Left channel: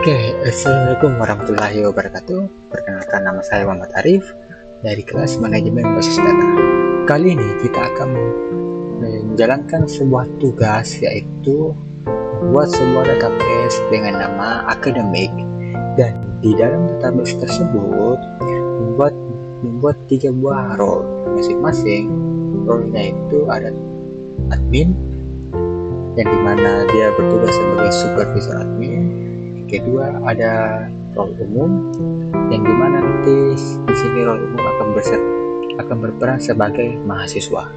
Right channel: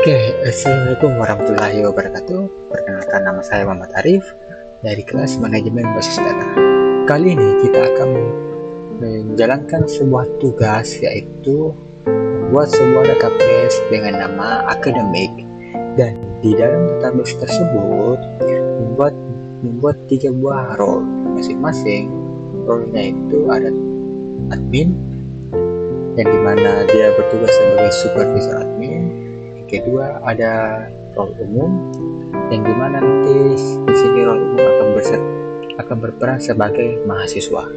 Oke, Assalamualaikum warahmatullahi wabarakatuh. Perkenalkan, nama saya Muhammad Arif dari kelas Manajemen Basis Data. Kali ini kita akan menjalankan sebuah tugas, yaitu membuat sebuah database dengan nama akademik, dan di dalam database tersebut membuat 3 buah role. Masing-masing role-nya itu ada admin, yang dimana dia bertugas sebagai supervisor admin. Kedua, ada role umum, yang dimana nanti di sini role umum akan berperan sebagai mahasiswa.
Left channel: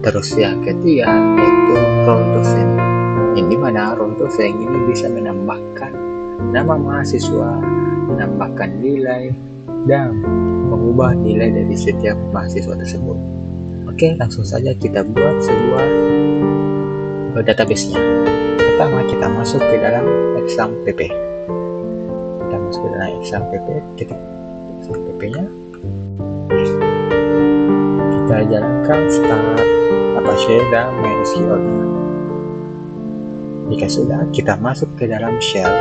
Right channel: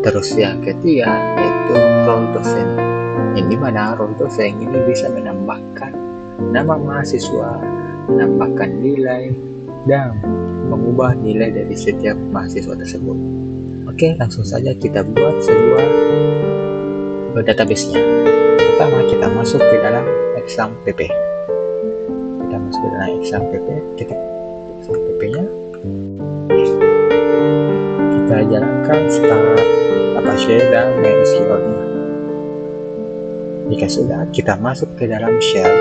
Terus yang ketiga yaitu role dosen, yang dimana role dosen ini bisa menambahkan nama mahasiswa, menambahkan nilai, dan mengubah nilai dari setiap mahasiswa tersebut. Oke, langsung saja kita buat sebuah database-nya. Pertama, kita masuk ke dalam exam pp. Kita masuk ke dalam exam pp, ketik exam pp-nya. Kita jalankan start Apache dan MySQL-nya. Jika sudah, kita masuk ke dalam shell.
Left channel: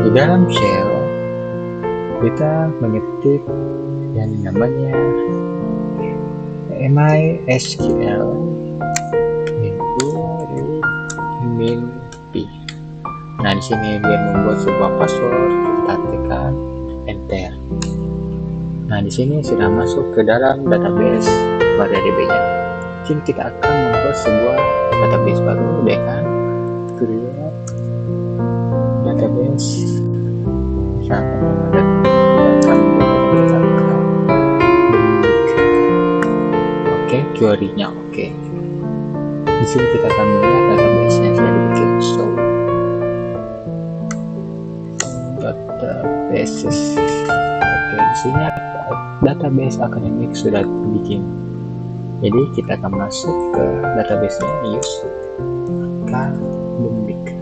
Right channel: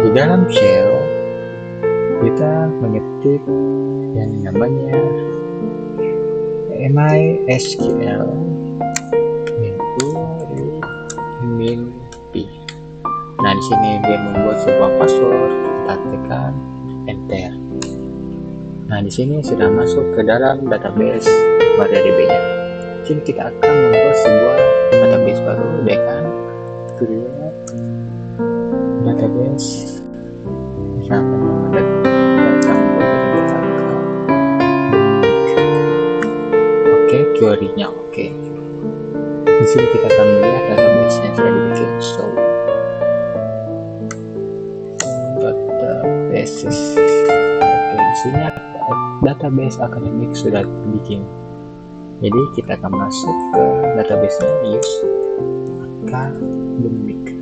Di dalam shell kita mengetik yang namanya MySQL min p. Nah, di sini dia membuat sebuah password, kita tekan enter. Nah, di sini sudah masuk ke dalam database MariaDB-nya. Jadi kita akan membuat sebuah database baru dengan create database. Misalkan kita akan membuat database akademik. Oke, query-nya oke. Di sini kita akan melihat database yang sudah dibikin. So, databases. Oke, di sini database akademik sudah dibikin. Jadi kita akan masuk ke database-nya, use akademik.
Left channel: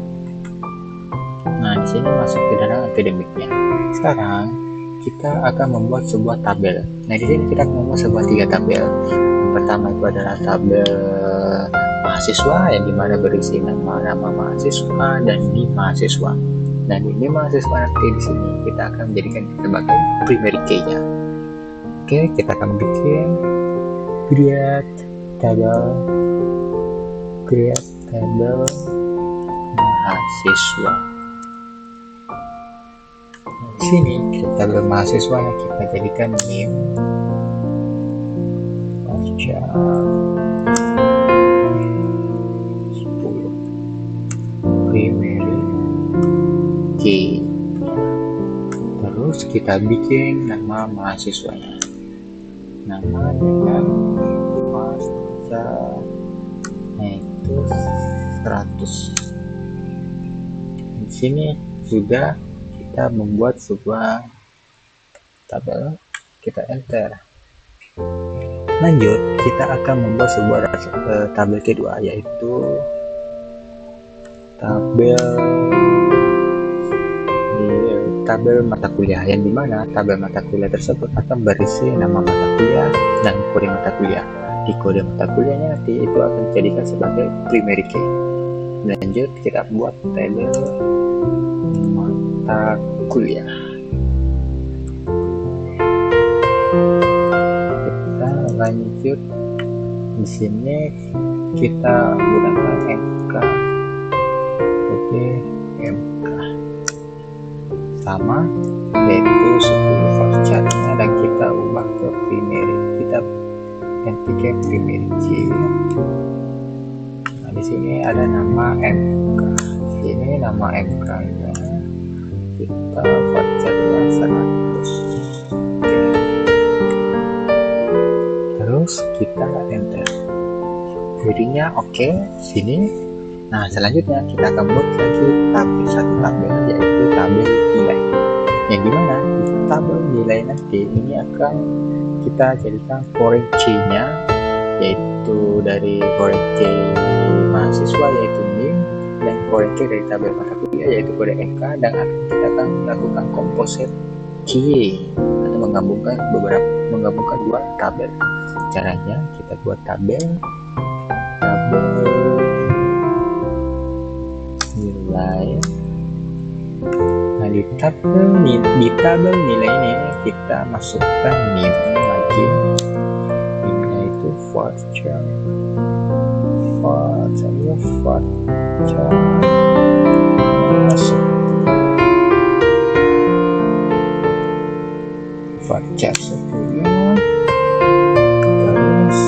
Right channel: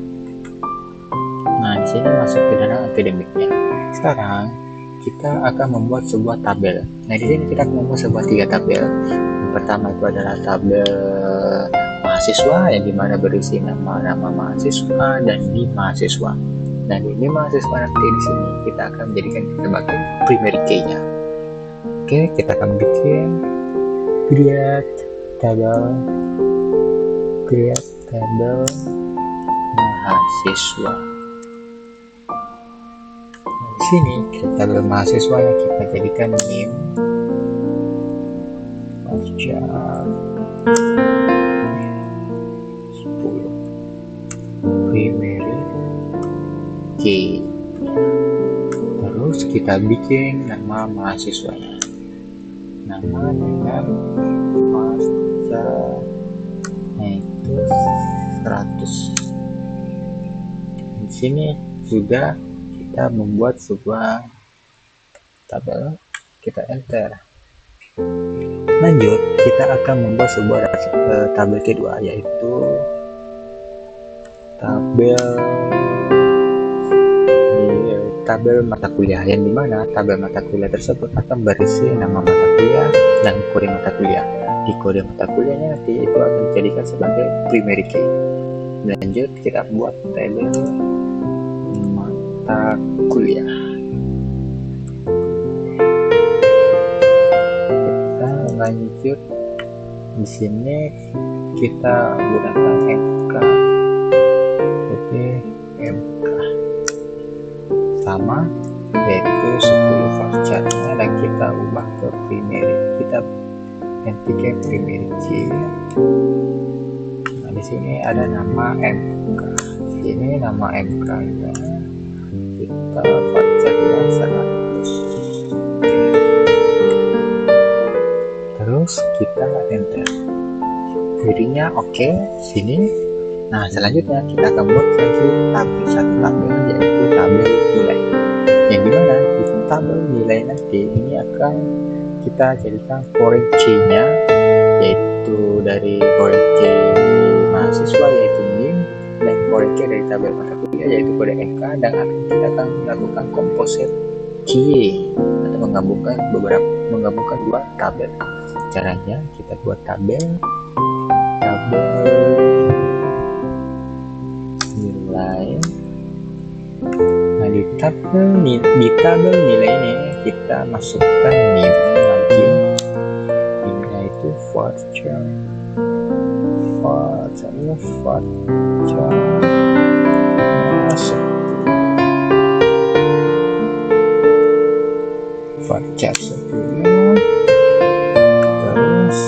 Nah, di sini masuk ke dalam akademiknya. Sekarang kita akan membuat sebuah tabel. Nah, di sini kita akan membuat sebuah 3 tabel. Yang pertama itu adalah tabel mahasiswa, yang dimana berisi nama-nama mahasiswa dan NIM mahasiswa. Dan ini mahasiswa nanti di sini kita akan menjadikan sebagai primary key-nya. Oke, kita akan bikin create table mahasiswa. Nah, di sini tabel mahasiswa yang kita jadikan NIM Fajar 10 primary key. Terus kita bikin nama mahasiswanya, nama dengan Fajar itu 100. Di sini sudah kita membuat sebuah tabel, kita enter. Lanjut, kita akan membuat sebuah tabel kedua, yaitu tabel mata kuliah, yang dimana tabel mata kuliah tersebut akan berisi nama mata kuliah dan kode mata kuliah. Di kode mata kuliahnya nanti itu akan dijadikan sebagai primary key. Lanjut, kita buat tabel mata kuliah. Kita lanjut, di sini kita gunakan MK. Oke, MK sama, yaitu 10 varchar-nya, dan kita ubah ke primary. Kita ganti ke primary key. Nah, di sini ada nama MK. Ini nama MK-nya kita varchar-nya 100. Oke. Terus kita enter. Query-nya oke. Sini. Nah, selanjutnya kita akan buat lagi satu tabel, yaitu tabel nilai, yang dimana di tabel nilai nanti ini akan kita jadikan foreign key-nya, yaitu dari foreign key mahasiswa yaitu NIM, dan foreign key dari tabel mata kuliah yaitu kode MK, dan kita akan melakukan composite key atau menggabungkan 2 tabel. Caranya kita buat tabel di tabel nilai ini kita masukkan NIM lagi. NIM-nya itu voucher masuk voucher 10, terus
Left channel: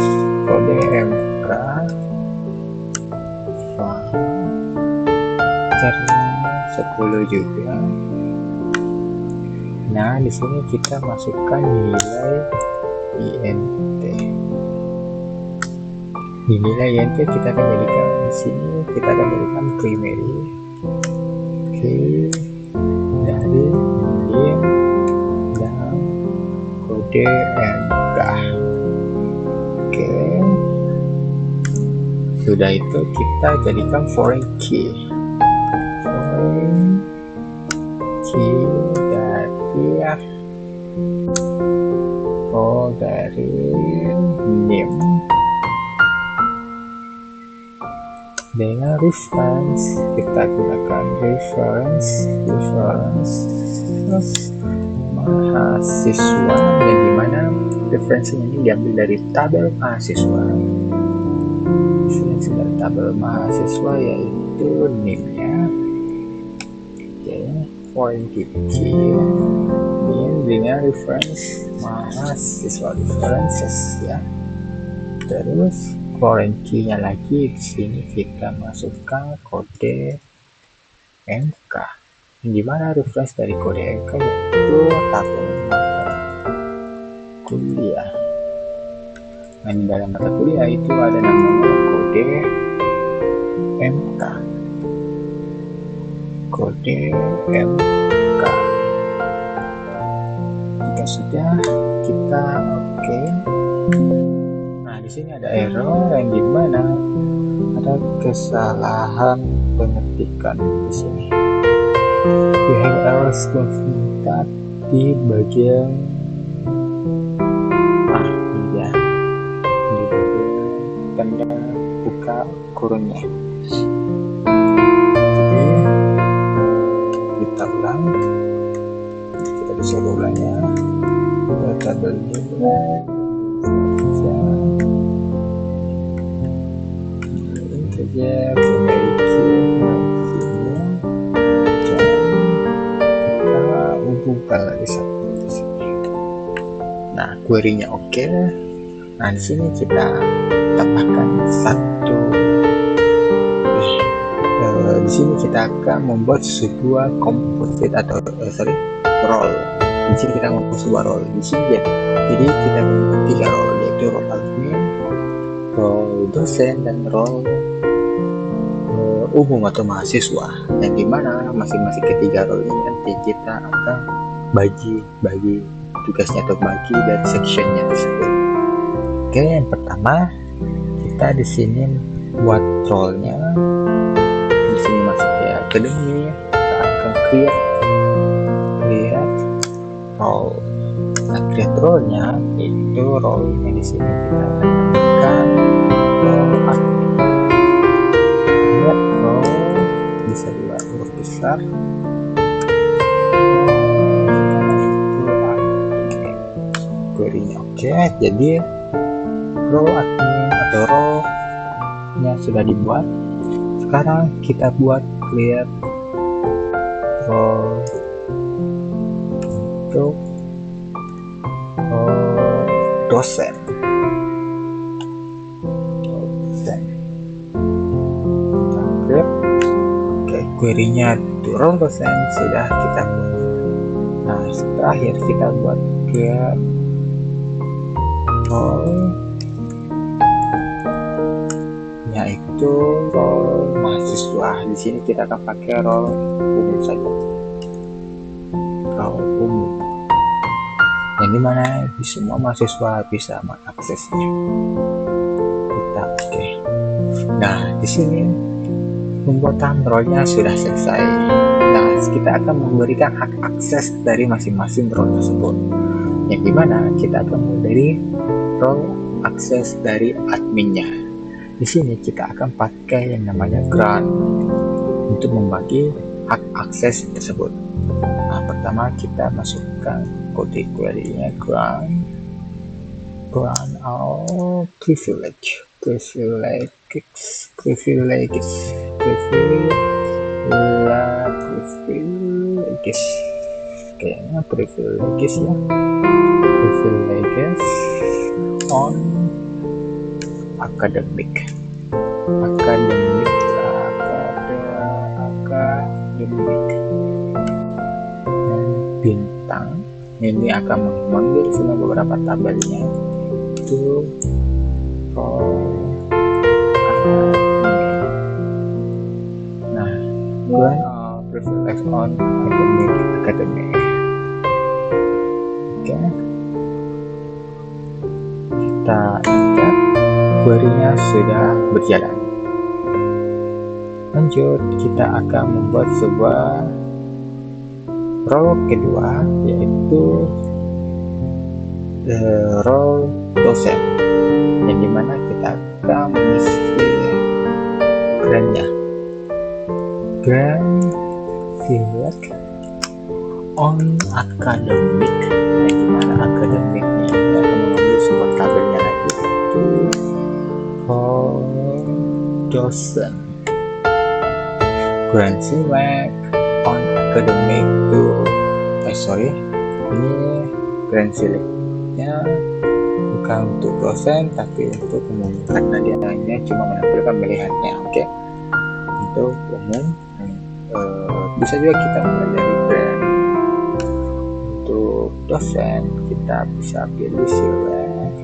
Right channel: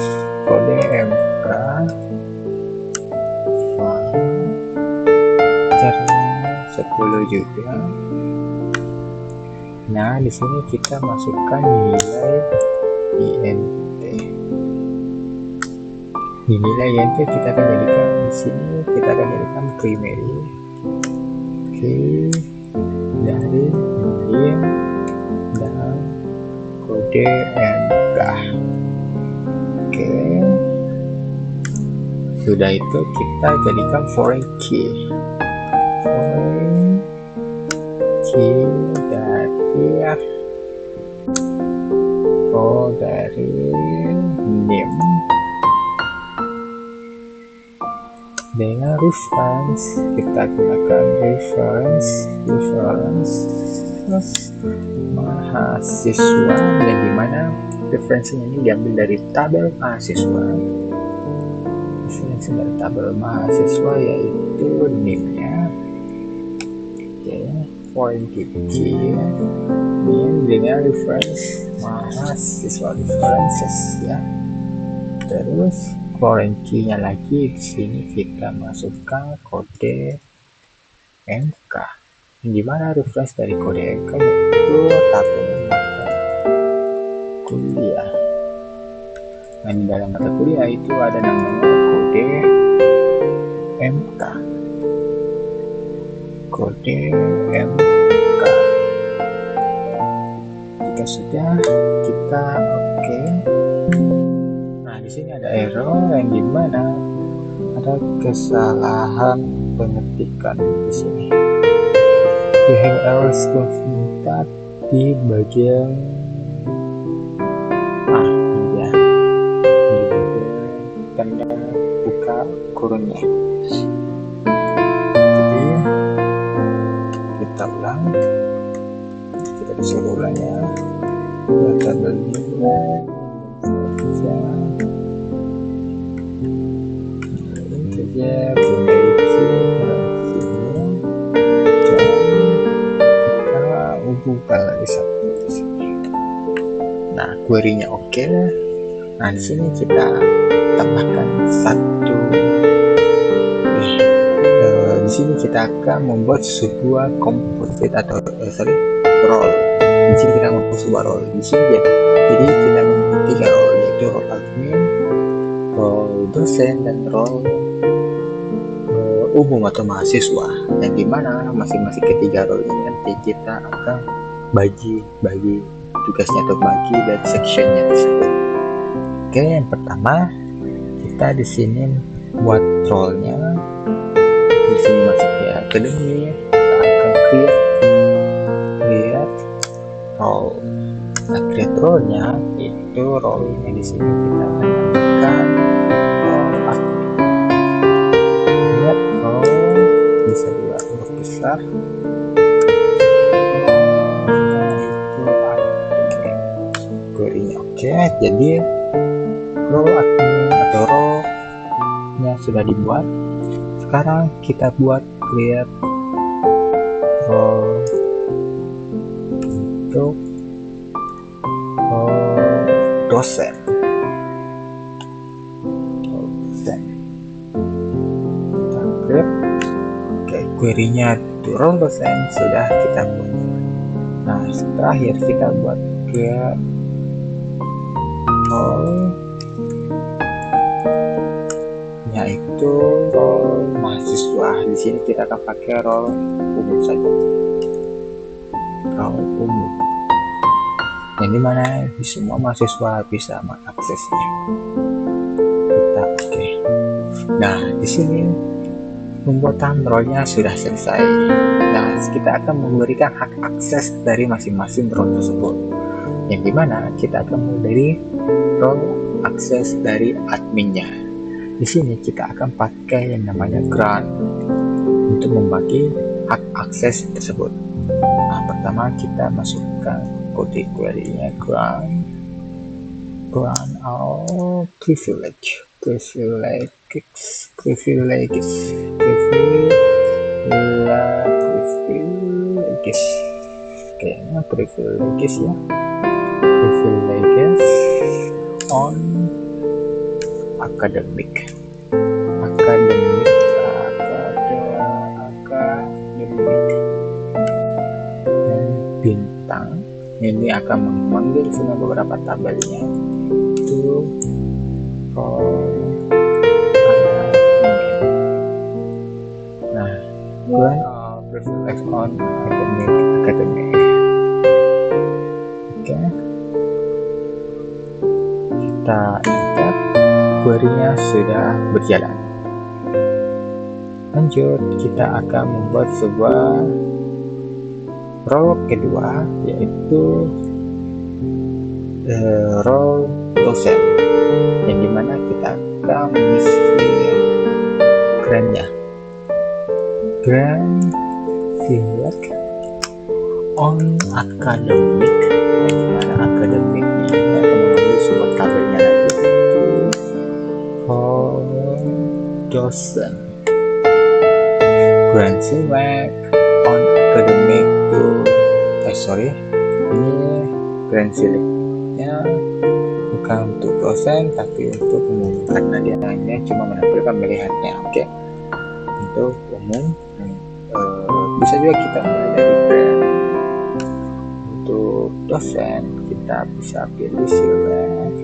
kode MK vouchernya 10 juga. Nah, di sini kita masukkan nilai INT. Di nilai INT kita akan jadikan di sini primary. Oke, dari NIM dan kode MK. Oke, sudah itu kita jadikan foreign key dari NIM dengan reference. Kita gunakan reference mahasiswa, yang dimana referensinya ini diambil dari tabel mahasiswa. Referensi dari tabel mahasiswa yaitu NIM-nya. Oke, foreign key NIM dengan reference mahasiswa, references ya. Terus foreign key-nya lagi di sini kita masukkan kode MK, di mana reference dari kode MK yaitu tabel mata kuliah. Nah, di dalam mata kuliah itu ada namanya kode MK. Jika sudah, kita oke. Nah, di sini ada error yang dimana ada kesalahan pengetikan di sini. We have errors confirmed di bagian ini dia, di bagian tanda buka kurungnya. Jadi kita ulang, kita disuruh ulang ya. Tabel nilai integer primary key sini, dan kita hubungkan lagi satu di sini. Nah, query-nya oke. Nah, di sini kita tambahkan satu. Di sini kita akan membuat sebuah composite atau role. Di sini kita membuat sebuah role. Di sini ya. Jadi kita membuat 3 role, yaitu role admin, role dosen, dan role umum atau mahasiswa. Yang dimana masing-masing ketiga role ini nanti kita akan bagi tugasnya atau bagi dari sectionnya tersebut. Oke, yang pertama kita di sini buat role-nya. Di sini masuk ya akademi, kita akan create role. Nah, create role-nya itu role-nya di sini kita akan namakan role admin. Create role bisa dua huruf besar. Itu admin. Query-nya oke. Jadi role admin atau role-nya sudah dibuat. Sekarang kita buat create role untuk dosen. Kita create. Oke, query-nya role dosen sudah kita buat. Nah, terakhir kita buat create role yaitu role mahasiswa. Di sini kita akan pakai role umum saja. Role umum. Yang dimana di semua mahasiswa bisa mengaksesnya. Kita oke. Nah, di sini pembuatan role-nya sudah selesai. Nah, kita akan memberikan hak akses dari masing-masing role tersebut. Yang dimana kita akan mulai dari role akses dari adminnya. Di sini kita akan pakai yang namanya grant untuk membagi hak akses tersebut. Nah, pertama kita masukkan kode query-nya ground or privilege. Kayaknya privileges ya. Privileges on academic. Dan bintang ini akan memanggil semua beberapa tabelnya itu nah ground or privilege on academic. Oke, kita enter, query-nya sudah berjalan. Lanjut, kita akan membuat sebuah role kedua, yaitu role dosen, yang dimana kita akan mengisi grant-nya. Grant select on academic, yang dimana akademiknya ini akan mengambil sebuah tabelnya lagi, itu role dosen. Grant select on academic to ini grant selectnya bukan untuk dosen tapi untuk umum, karena dia hanya cuma menampilkan melihatnya. Oke. Untuk umum, bisa juga kita mulai dari grant. Untuk dosen kita bisa pilih select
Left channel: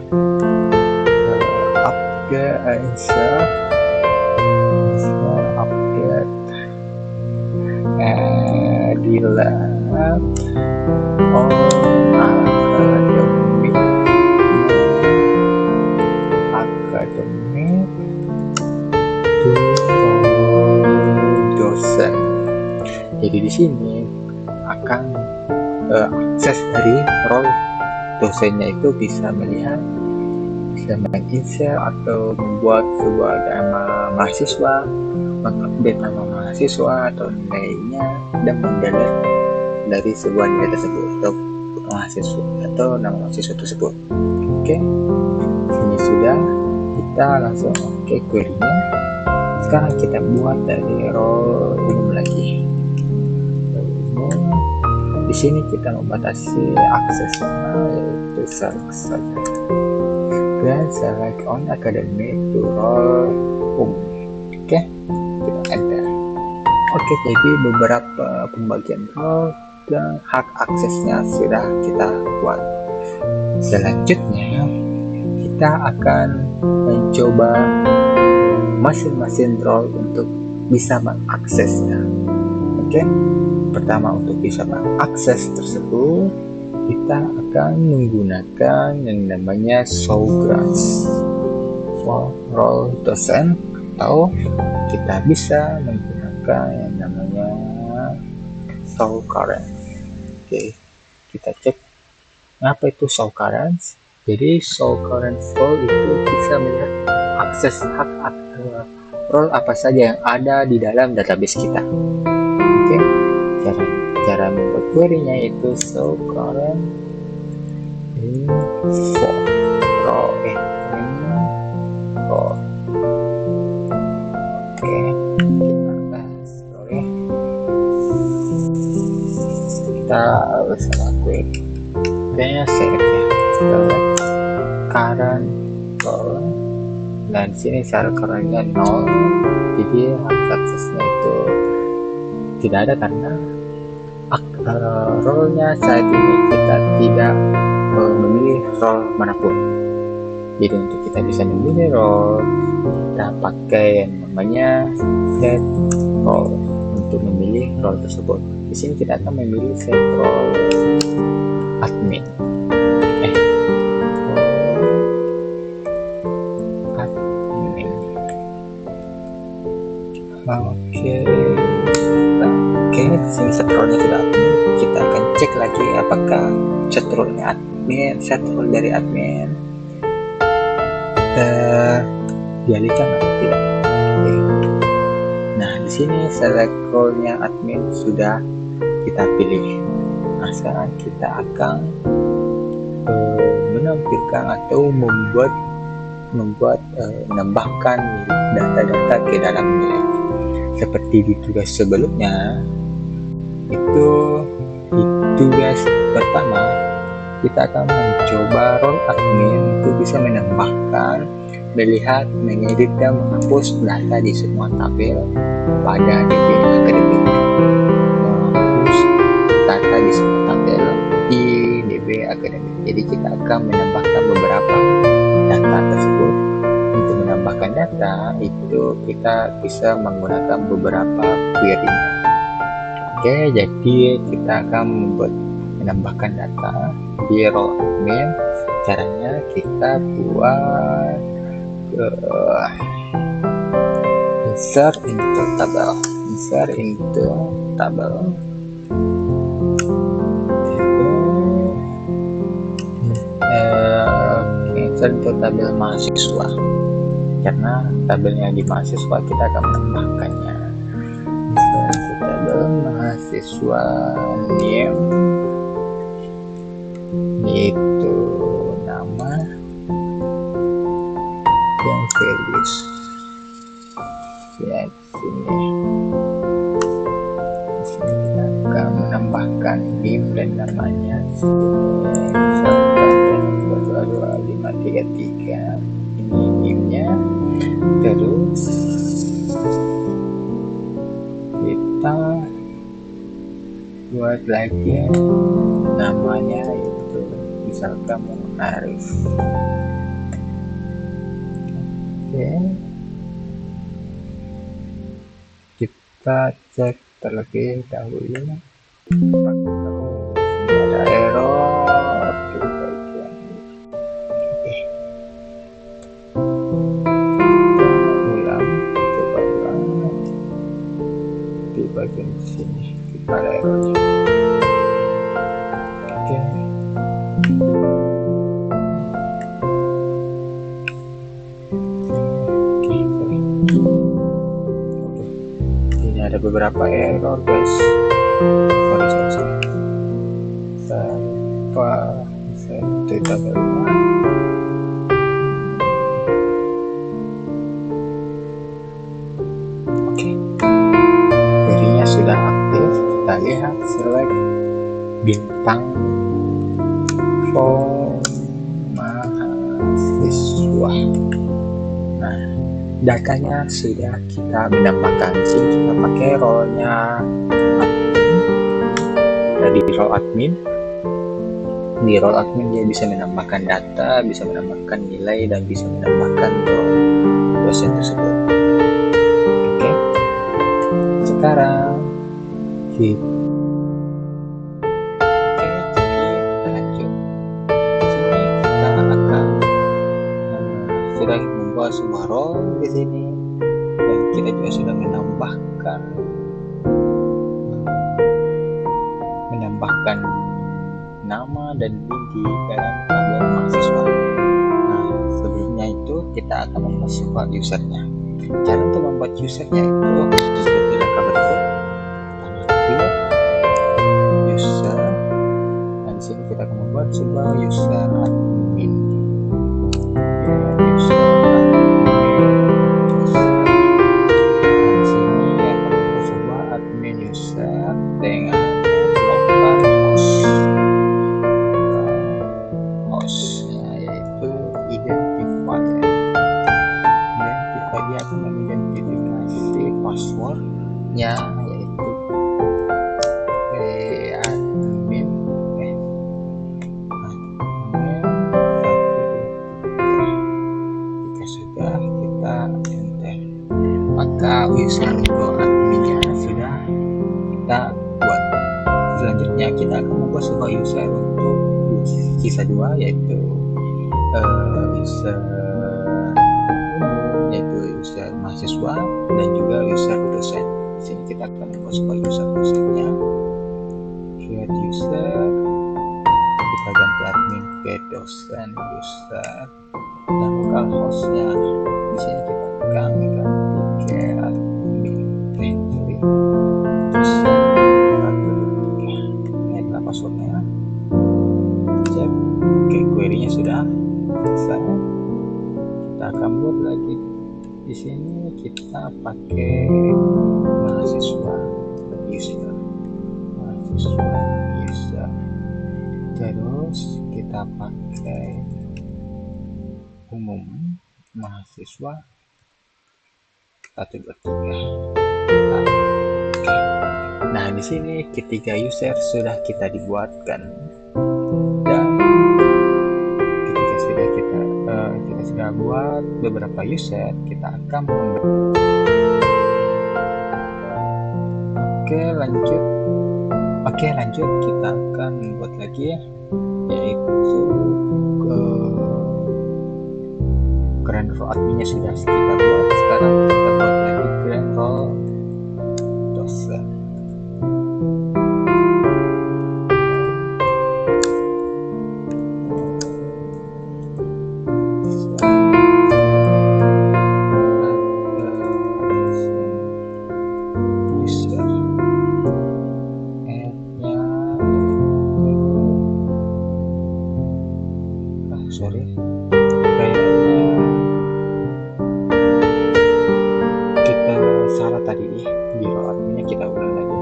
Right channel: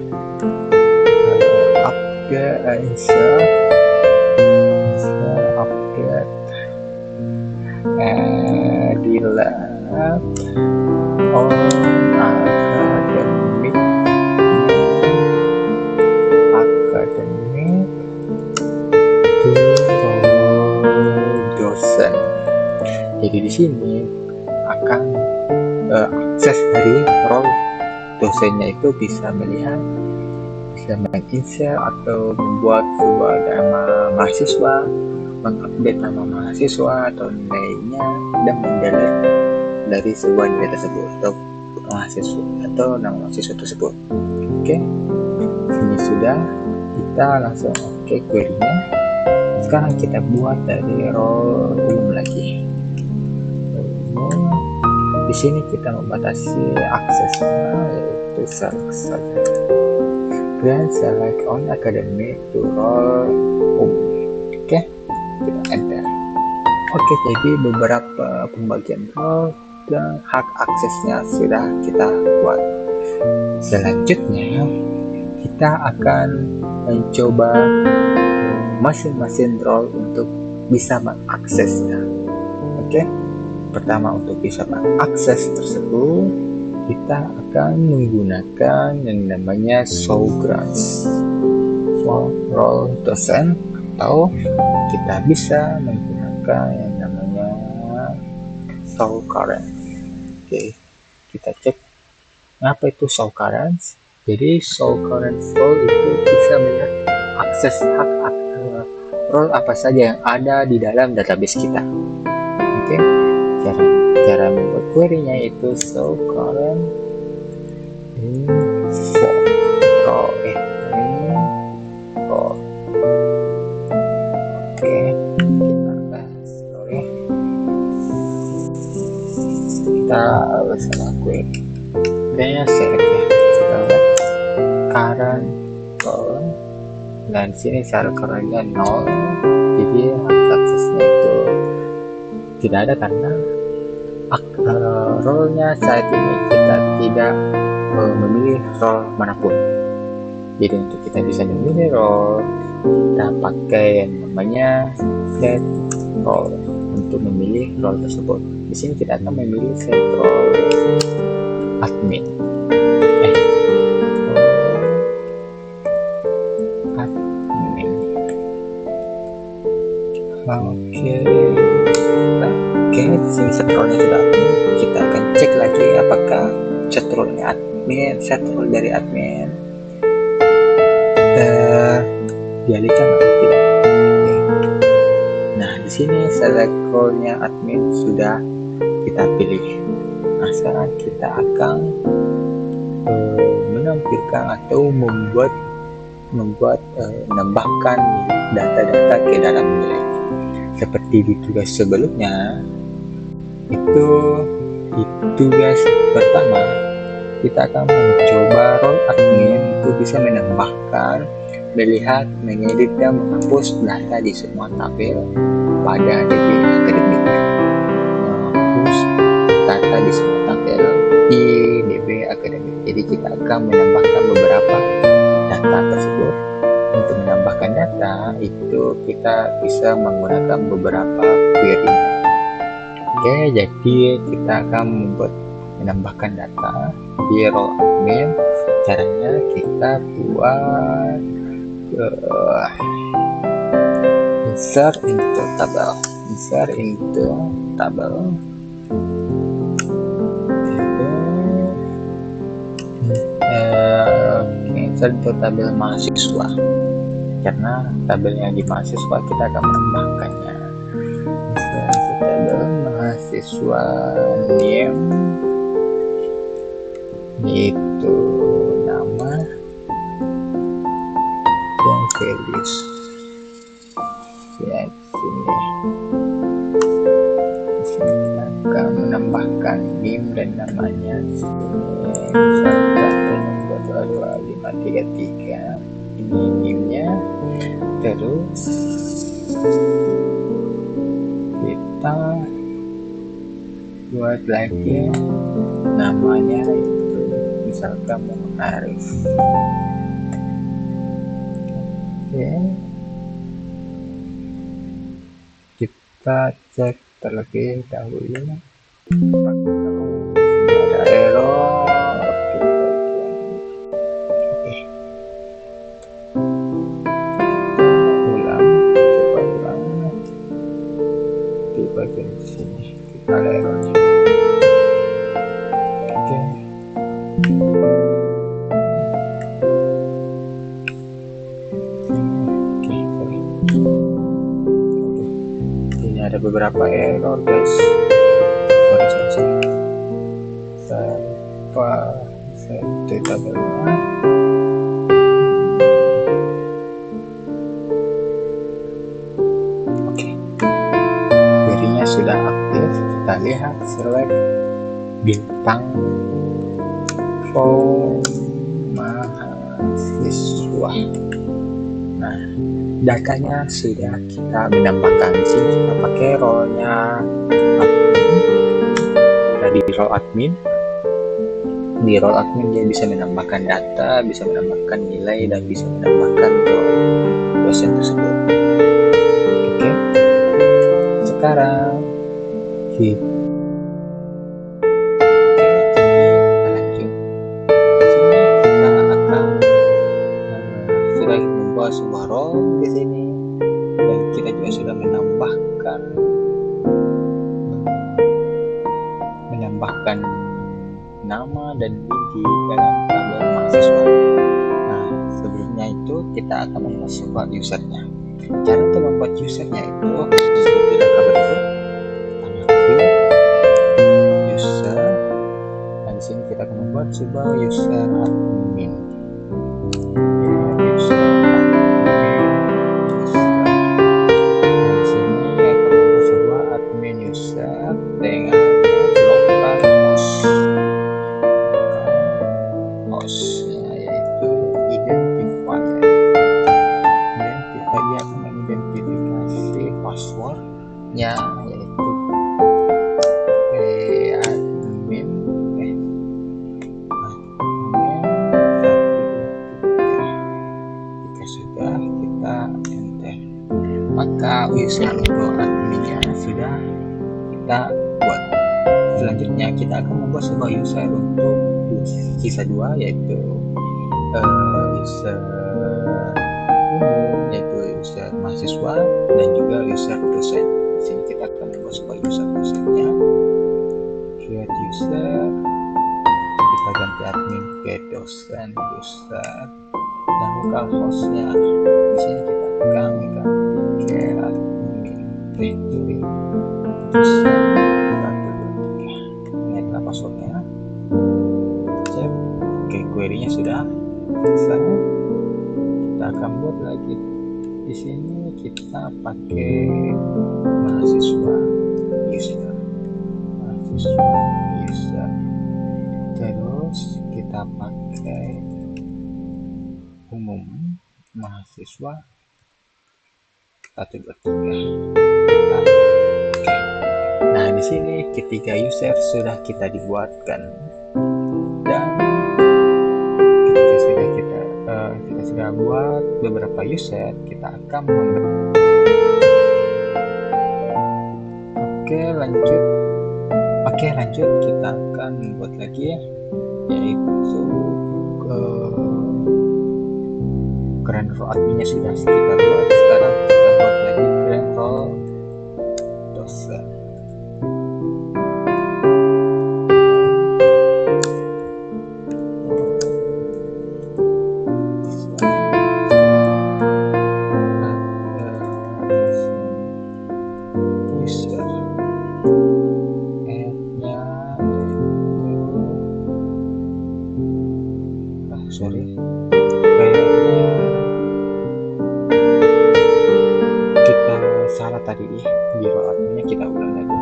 upgrade delete on academic to dosen. Jadi di sini akan akses dari role dosennya itu bisa melihat, bisa menginsert atau membuat sebuah nama mahasiswa, mengupdate nama mahasiswa atau nilainya, dan mendelete dari sebuah nilai tersebut atau mahasiswa atau nama mahasiswa tersebut. Oke, ini sudah, kita langsung query-nya. Sekarang kita buat dari role umum lagi. Umum, di sini kita membatasi aksesnya, yaitu select saja. Dan select on academic to role umum. Oke, kita enter. Oke, jadi beberapa pembagian role dan hak aksesnya sudah kita buat. Selanjutnya kita akan mencoba masing-masing role untuk bisa mengaksesnya. Oke, pertama untuk bisa mengakses tersebut kita akan menggunakan yang namanya show grants for role dosen, atau kita bisa menggunakan yang namanya show current. Oke, kita cek apa itu show current. Jadi show current role itu bisa melihat akses hak role apa saja yang ada di dalam database kita. Oke, cara membuat query-nya itu show current info role info. Oke, kita bahas role. Kita salah query, kayaknya select ya, select current role, dan sini sel currentnya 0, jadi hak aksesnya itu tidak ada karena role-nya saat ini kita tidak memilih role manapun. Jadi untuk kita bisa memilih role, kita pakai yang namanya set role untuk memilih role tersebut. Di sini kita akan memilih set role admin. Oke, sini set role-nya sudah admin. Kita akan cek lagi apakah set role-nya admin, set role dari admin dialihkan atau tidak. Oke. Nah, di sini select role-nya admin sudah kita pilih. Nah, sekarang kita akan menampilkan atau menambahkan data-data ke dalam nilai. Seperti di tugas sebelumnya, itu di tugas pertama kita akan mencoba role admin untuk bisa menambahkan, melihat, mengedit dan menghapus data di semua tabel pada DB Akademik. Menghapus data di semua tabel di DB Akademik. Jadi kita akan menambahkan beberapa data tersebut. Untuk menambahkan data itu kita bisa menggunakan beberapa query-nya. Oke, jadi kita akan menambahkan data di role admin. Caranya kita buat insert into table. Insert into tabel mahasiswa, karena tabelnya di mahasiswa kita akan menambahkannya. Insert into tabel mahasiswa name, itu nama dan values ya. Sini kita akan menambahkan NIM dan namanya. Misalkan 22533 ini NIM-nya. Terus kita buat lagi namanya, itu misalkan Arif. Oke, kita cek terlebih dahulu. Ada error di bagian ini. Oke, kita coba ulang di bagian sini. Kita ada errornya. Oke. Ini ada beberapa error, guys. Sorry. Saya tabelnya. Oke. Query-nya sudah aktif. Kita lihat, select bintang form mahasiswa. Nah, datanya sudah kita menambahkan. Di sini kita pakai role-nya admin. Dari role admin, di role admin dia bisa menambahkan data, bisa menambahkan nilai, dan bisa menambahkan dosen tersebut. Oke, sekarang jadi kita lanjut. Di sini kita akan sudah membuat sebuah role di sini, dan kita juga sudah menambahkan nama dan NIM di dalam tabel mahasiswa. Nah, sebelumnya itu kita akan membuat sebuah usernya. Cara untuk membuat usernya itu seperti langkah berikut. Pertama, create user. Dan di sini kita akan membuat sebuah user admin. Dan di sini akan membuat sebuah admin user dengan hostnya, yaitu identifier. Dia akan mengidentifikasi passwordnya, yaitu admin 123. Jika sudah, kita enter, maka user untuk adminnya sudah kita buat. Selanjutnya kita akan membuat sebuah user untuk sisa 2, yaitu user umum, yaitu user mahasiswa, dan juga user dosen. Di sini kita akan membuat sebuah user dosennya. Create user, kita ganti admin ke dosen user, dan lokal hostnya di sini kita akan ganti ke admin dosen 123. passwordnya, cek. Oke, query-nya sudah selesai. Kita akan buat lagi di sini, kita pakai mahasiswa user, terus kita pakai umum mahasiswa 123. Nah, di sini ketiga user sudah kita dibuatkan, dan ketika sudah kita sudah buat beberapa user, kita akan lanjut kita akan membuat lagi, yaitu grand role adminnya sudah kita buat. Sekarang kita buat lagi grand role dosen. Kayaknya kita salah tadi nih, di role adminnya kita ulang lagi.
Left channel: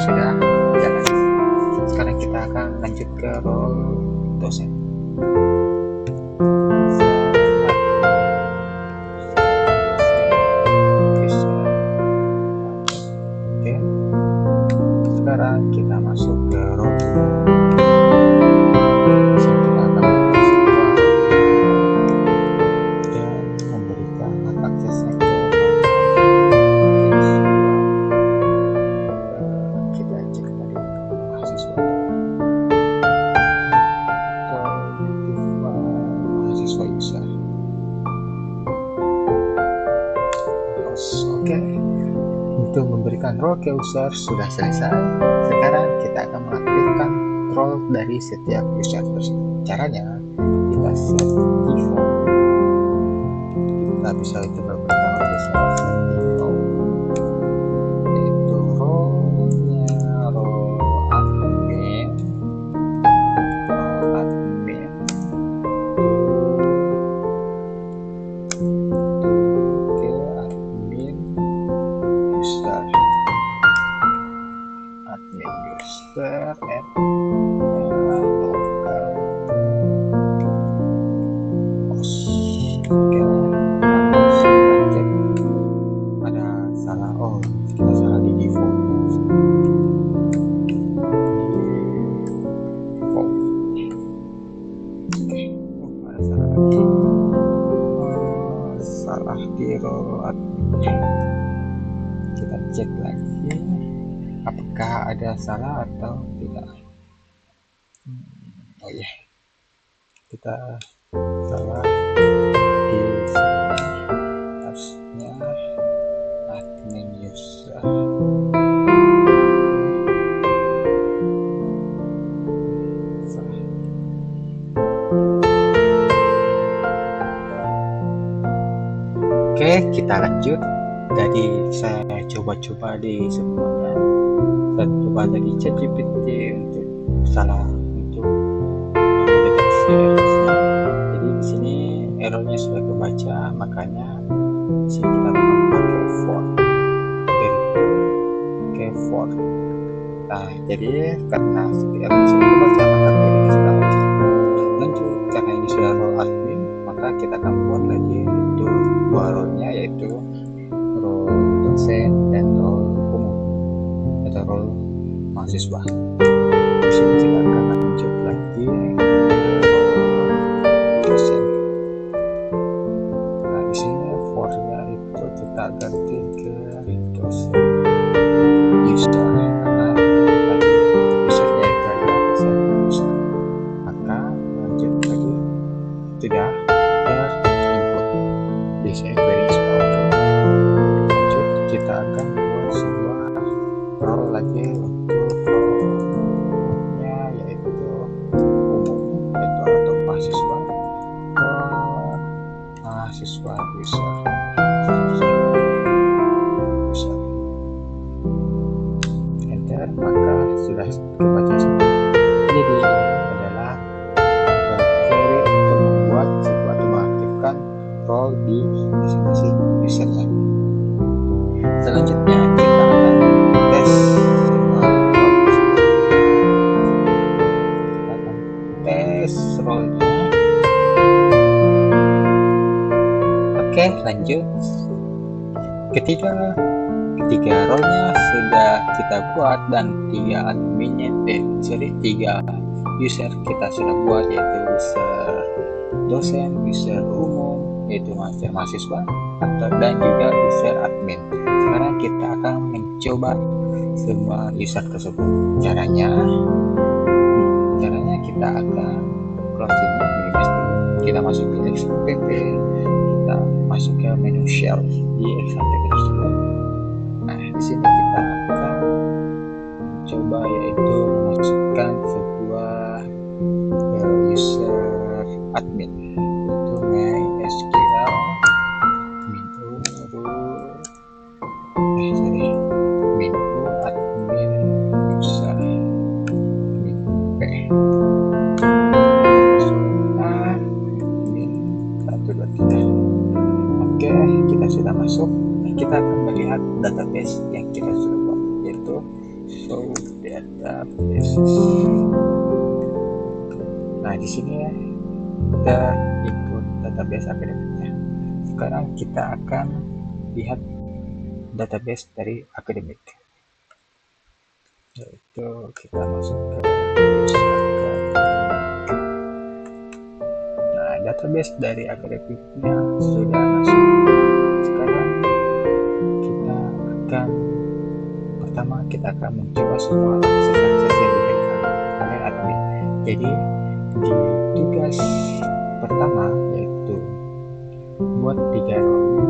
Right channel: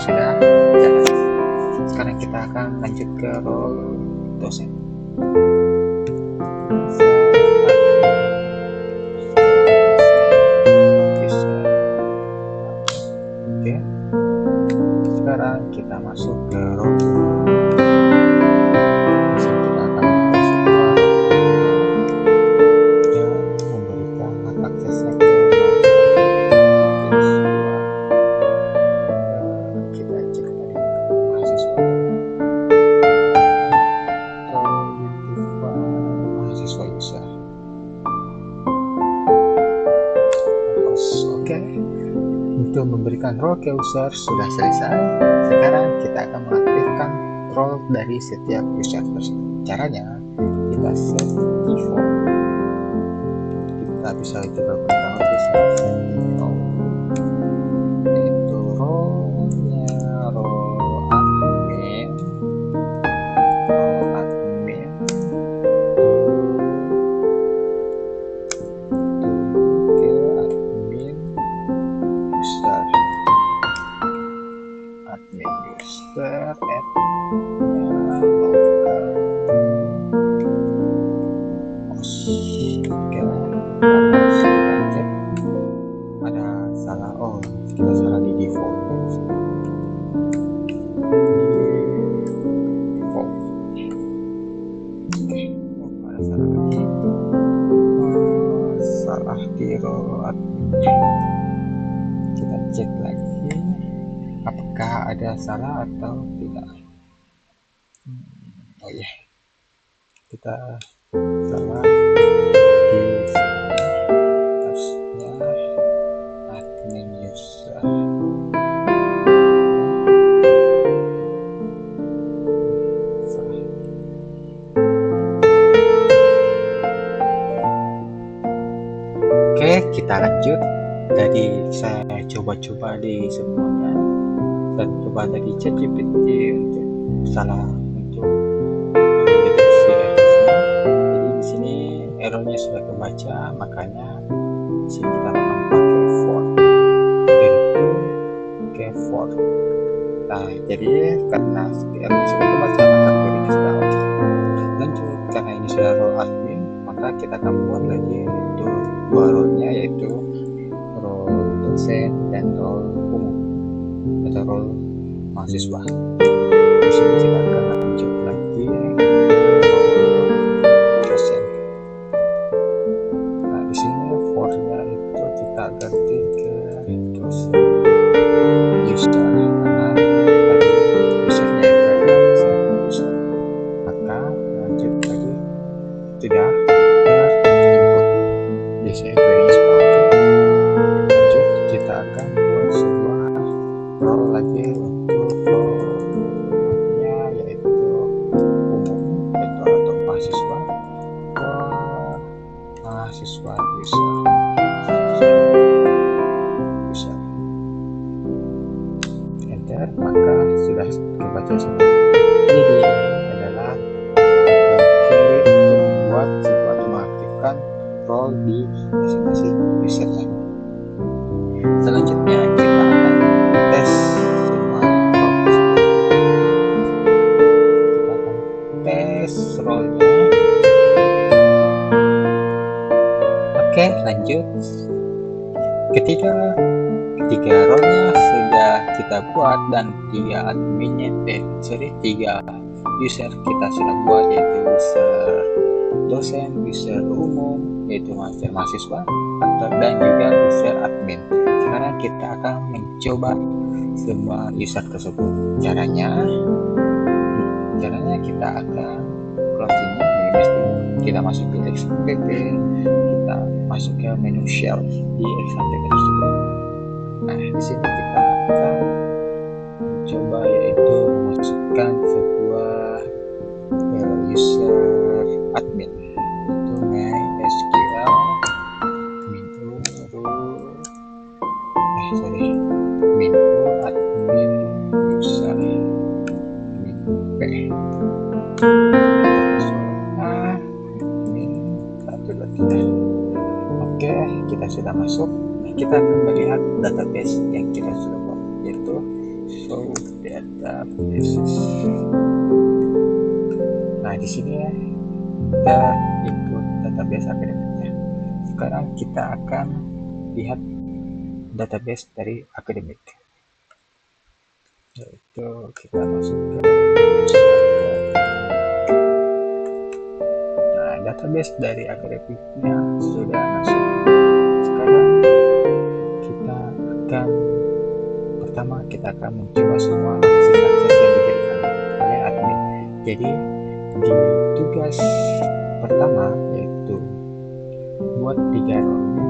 Sudah jalan. Sekarang kita akan lanjut ke role dosen. Oke, sekarang kita masuk ke role. Di sini kita akan masuk ke role dan memberikan hak aksesnya ke role. Kita cek tadi mahasiswa user. Oke, untuk memberikan role ke user sudah selesai. Sekarang kita akan mengaktifkan role dari setiap user tersebut. Caranya kita set default. Kita bisa juga gunakan set default, yaitu role-nya admin user local host. Oke, harus kita cek ada salah. Kita salah di default. Ada salah lagi. Salah di role admin. Kita cek lagi apakah ada salah atau tidak. Kita salah di sini, harusnya admin user. Oke, kita lanjut. Jadi saya coba-coba di semuanya. Dan coba dari ChatGPT untuk mendeteksi errornya. Jadi di sini errornya sudah kebaca, makanya di sini kita akan pakai for. Itu ke for. Nah, jadi karena errornya sudah kebaca, maka query-nya sudah oke. Lanjut, karena ini sudah role admin, maka kita akan buat lagi itu dua role-nya, yaitu role dosen dan role umum atau role mahasiswa. Di sini kita akan lanjut lagi ke role dosen. Nah, di sini for-nya itu kita ganti ke dosen user, karena tadi usernya itu kita akan buat sebuah role lagi untuk role-nya, yaitu umum, yaitu atau mahasiswa user. Enter, maka sudah kebaca semua. Jadi ini adalah query untuk membuat sebuah atau mengaktifkan role di masing-masing usernya. Selanjutnya kita akan tes semua role tersebut. Kita akan tes role-nya. Oke, lanjut. Ketiga role-nya sudah kita buat dan tiga user kita sudah buat, yaitu user dosen, user umum yaitu mahasiswa, dan juga user admin. Sekarang kita akan mencoba semua user tersebut. Caranya kita akan close ini, minimize dulu. Kita masuk ke XAMPP, kita masuk ke menu shell di XAMPP tersebut. Nah, di sini kita akan mencoba yaitu memasukkan sebuah user admin, yaitu MySQL minu admin user admin admin 123. Oke, kita sudah masuk. Nah, kita akan melihat database yang kita sudah buat, yaitu show databases. Nah, di sini kita input database akademiknya. Sekarang kita akan lihat database dari akademik, yaitu kita masuk ke akademik. Nah, database dari akademiknya sudah masuk. Sekarang kita akan mencoba semua akses yang diberikan oleh admin. Jadi di tugas pertama yaitu buat 3 role-nya,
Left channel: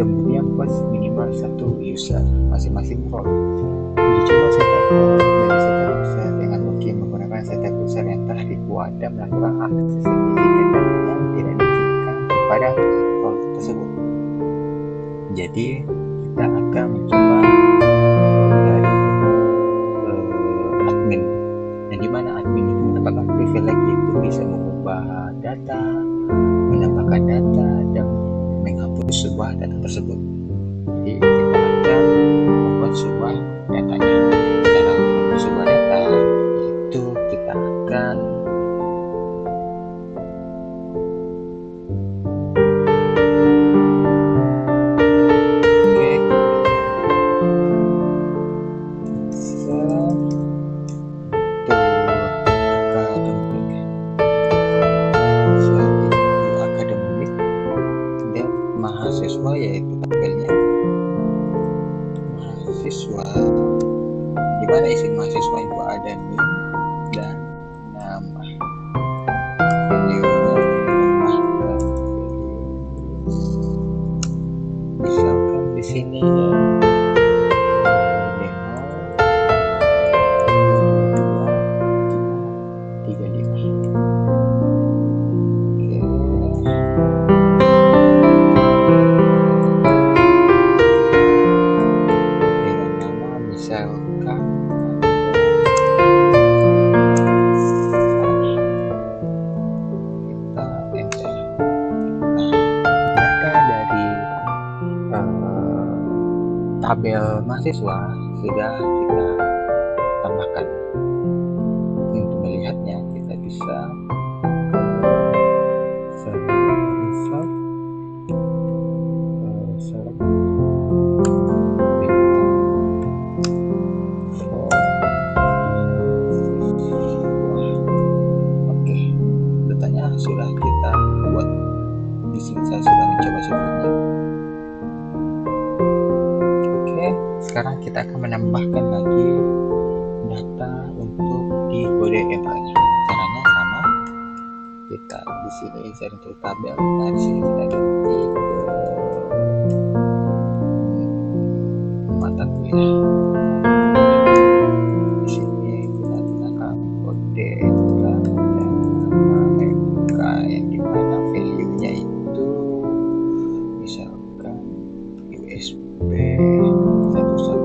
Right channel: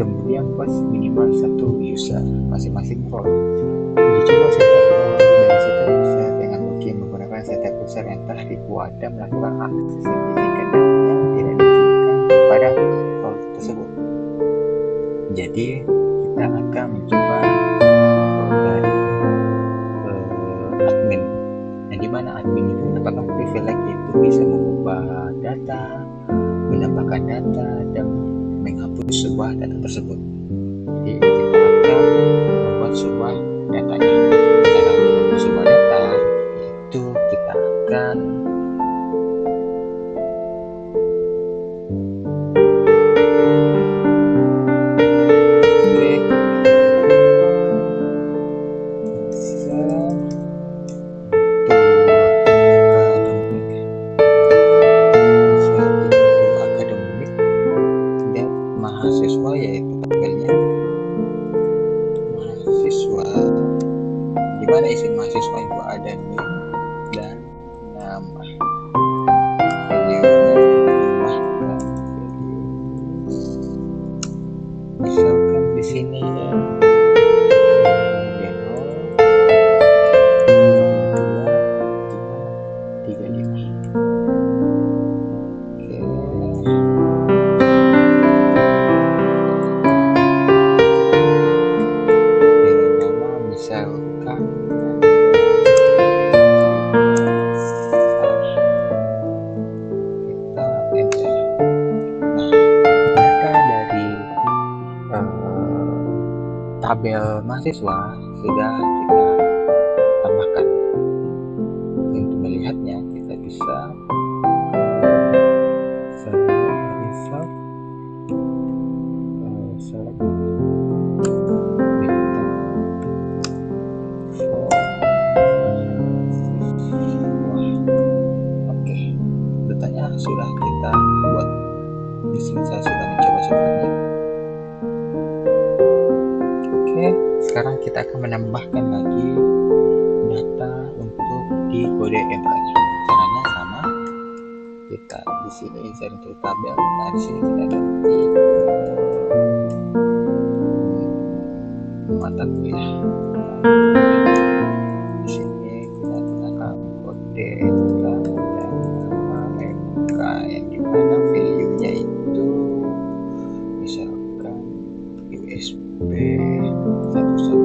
kemudian buat minimal 1 user masing-masing role. Dicoba setup role dari setup user dengan login menggunakan setup user yang telah dibuat dan melakukan akses sertifikat dan yang tidak diizinkan kepada role tersebut. Jadi kita akan mencoba role dari admin. Nah, di mana admin itu mendapatkan privilege, yaitu bisa mengubah data, menambahkan data, dan menghapus sebuah data tersebut. Jadi kita akan membuat sebuah datanya. Cara untuk membuat sebuah data yaitu kita akan mahasiswa, yaitu tabelnya mahasiswa, di mana isi mahasiswa itu ada NIM dan nama. Value-nya tambahkan value, misalkan di sini ya demo 22 misalkan kita enter. Nah, data dari tabel mahasiswa sudah kita tambahkan. Untuk melihatnya kita bisa select datanya sudah kita buat. Di sini saya sudah mencoba sebelumnya. Oke, sekarang kita akan menambahkan lagi data untuk di kode MK-nya. Caranya sama. Kita di sini insert into tabel. Nah, di sini kita ganti ke mata kuliah. Di sini kita gunakan kode MK dan nama MK yang dimana value-nya itu misalkan USB 112.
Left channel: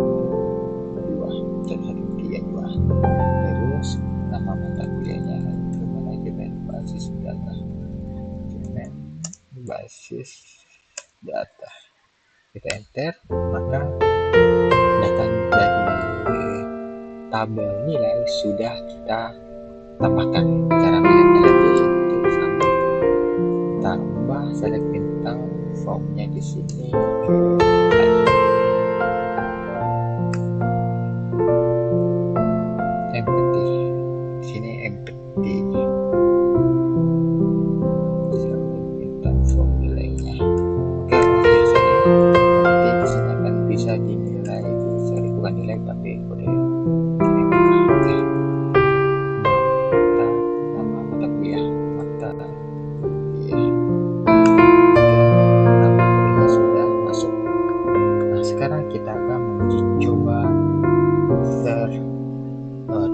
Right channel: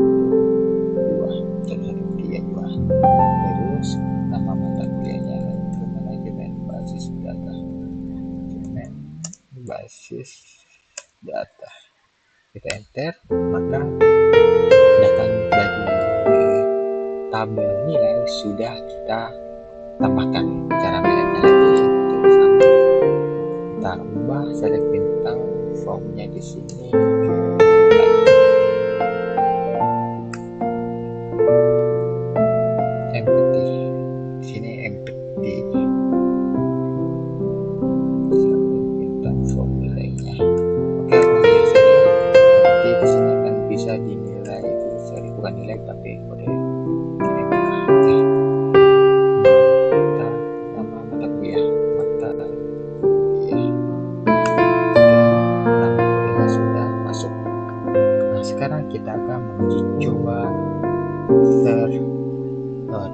Terus nama mata kuliahnya itu manajemen basis data. Manajemen basis data. Kita enter, maka data dari tabel nilai sudah kita tambahkan. Cara melihatnya lagi itu sama, kita ubah select bintang formnya di sini ke nilai. Empty, di sini empty. Select bintang form nilainya. Oke, ya sorry. Nanti di sini akan bisa dinilai itu, sorry bukan nilai tapi kode MK. Oke. Nama mata kuliah, mata kuliah. Oke, nama kuliahnya sudah masuk. Nah, sekarang kita akan menguji coba user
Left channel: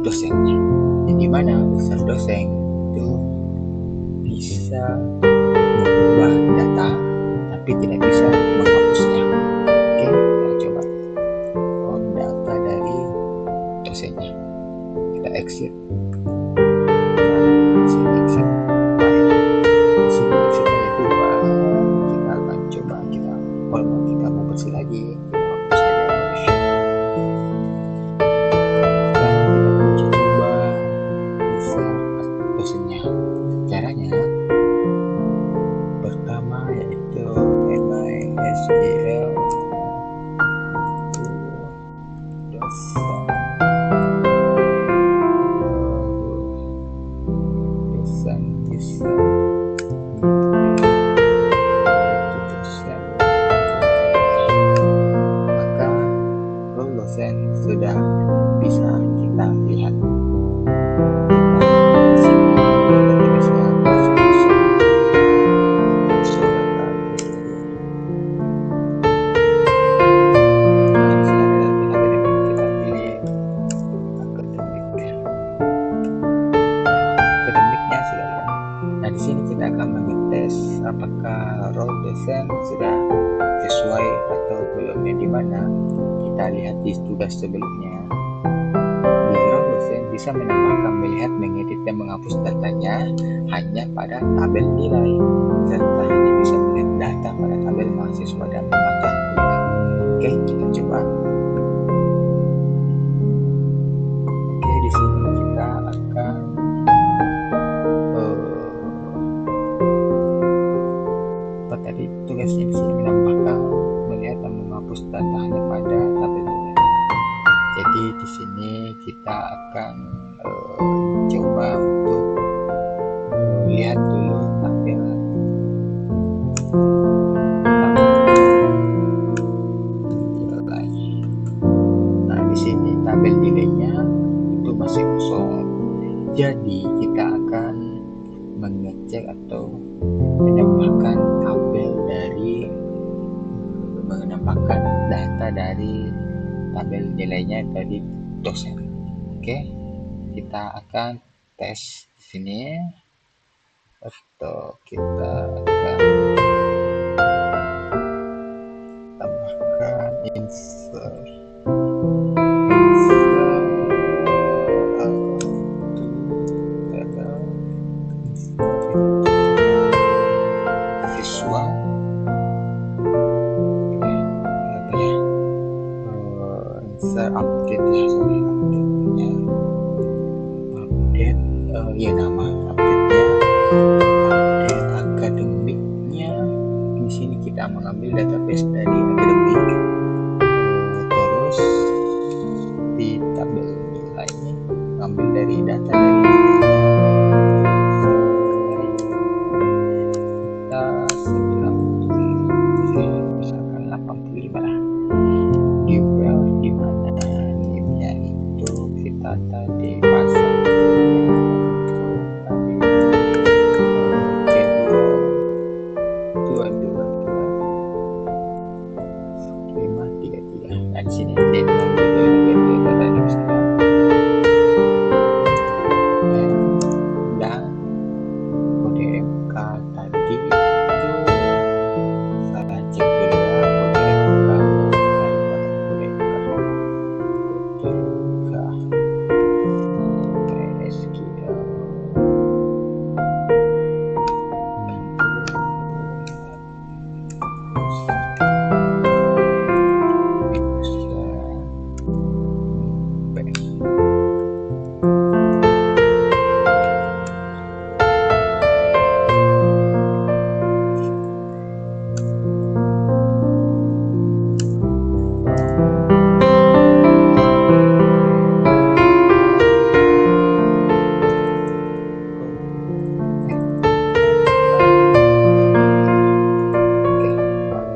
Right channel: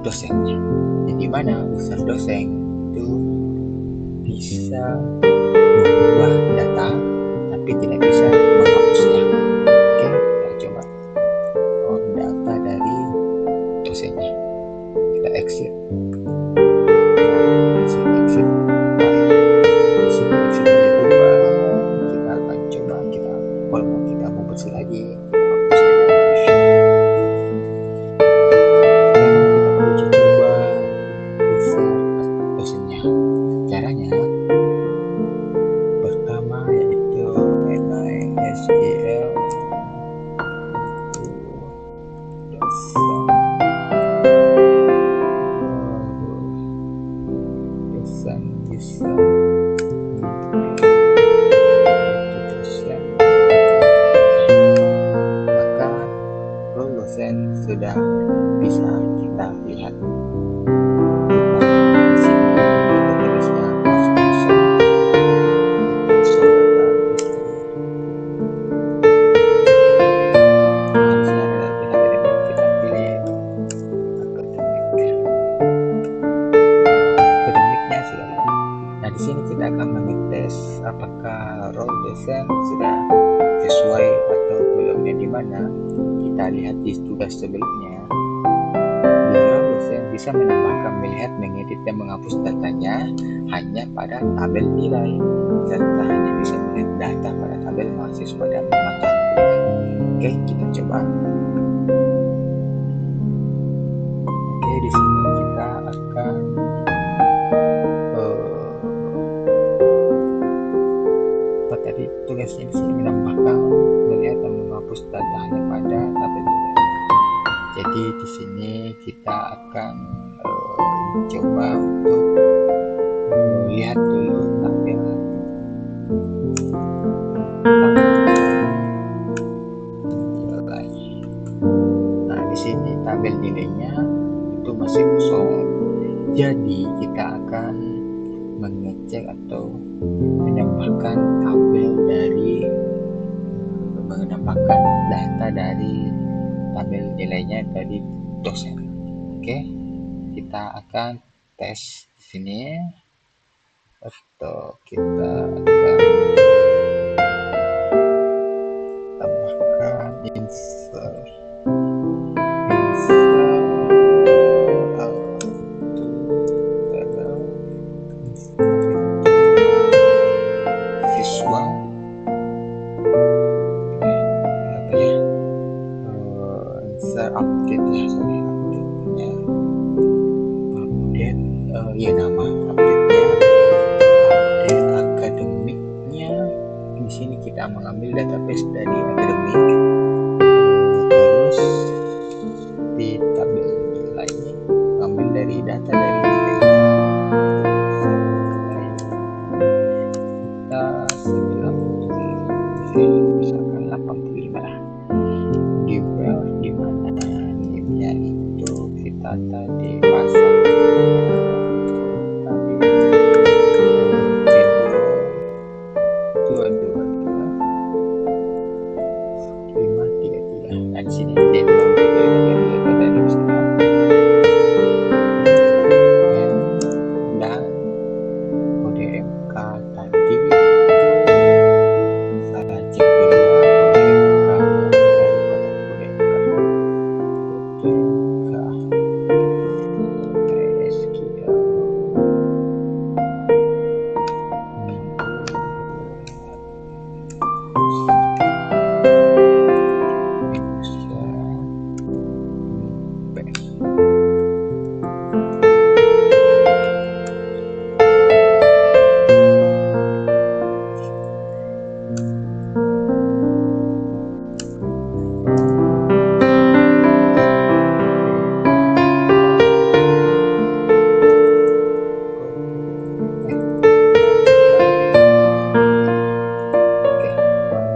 dosennya. Yang dimana user dosen itu bisa mengubah data tapi tidak bisa menghapusnya. Oke, kita coba on data dari dosennya. Kita exit. Nah, di sini exit. Di sini exitnya itu kita akan coba kalau kita mau bersih lagi, kita hapus saja modify. Sekarang kita uji coba user dosennya. Caranya pertama yaitu MySQL dosen bisa maka role dosen sudah bisa kita lihat. Kita di sini database-nya masuk dosen. Nah, di sini ada akademik, kita pilih akademik. Akademiknya sudah lihat. Nah, di sini kita akan mengetes apakah role dosen sudah sesuai atau belum. Yang dimana kita lihat di tugas sebelumnya, di role dosen bisa menambahkan, melihat, mengedit dan menghapus datanya hanya pada tabel nilai, serta hanya bisa melihat data pada tabel mahasiswa dan mata kuliah. Oke, kita coba. Oke, di sini kita akan tadi tugasnya di sini menambahkan, melihat dan menghapus data hanya pada tabel nilai. Jadi di sini kita akan coba untuk lihat dulu tabel nilai. Nah, di sini tabel nilainya itu masih kosong. Jadi kita akan mengecek atau menambahkan data dari tabel nilainya dari dosen. Oke, kita akan tes di sini atau kita akan tambahkan insert siswa update ya, sorry, update-nya nama update-nya update akademiknya. Di sini kita mengambil database dari akademik, terus di tabel nilai mengambil dari data dari nilainya. Kita 90, misalkan 85 lah. Di mana nimnya itu kita tadi pasang tadi J222 533. Nah, di sini D022532 ada di sana. Dan kode MK tadi itu saya cek dulu ya, kode MK nya saya kotak kode MK SQL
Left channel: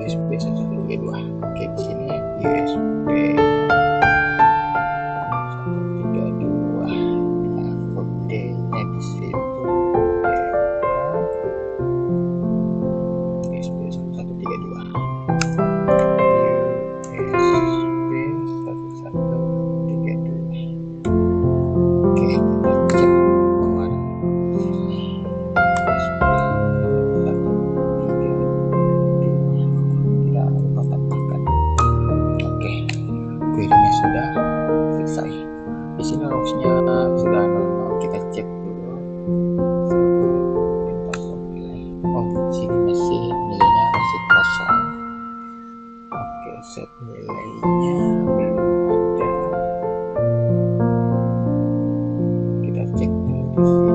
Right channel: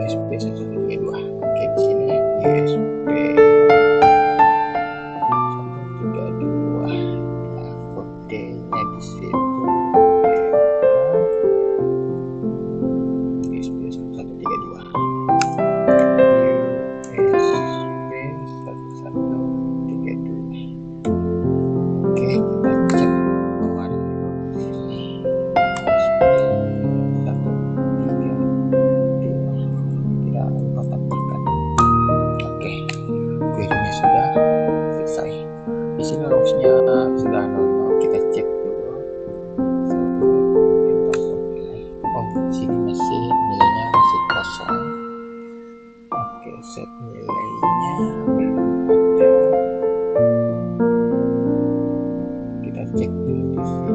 USB 132. Oke, di sini USB 132. Nah, kodenya di situ USB 1132. USB 1132. Oke, kita cek pengeluaran di sini. USB 132. Tidak lupa tambahkan. Oke, query-nya sudah selesai. Di sini logsnya sudah 00. Kita cek dulu. Oh, di sini masih nilainya masih kosong. Oke, set nilainya belum ada. Kita cek dulu di sini.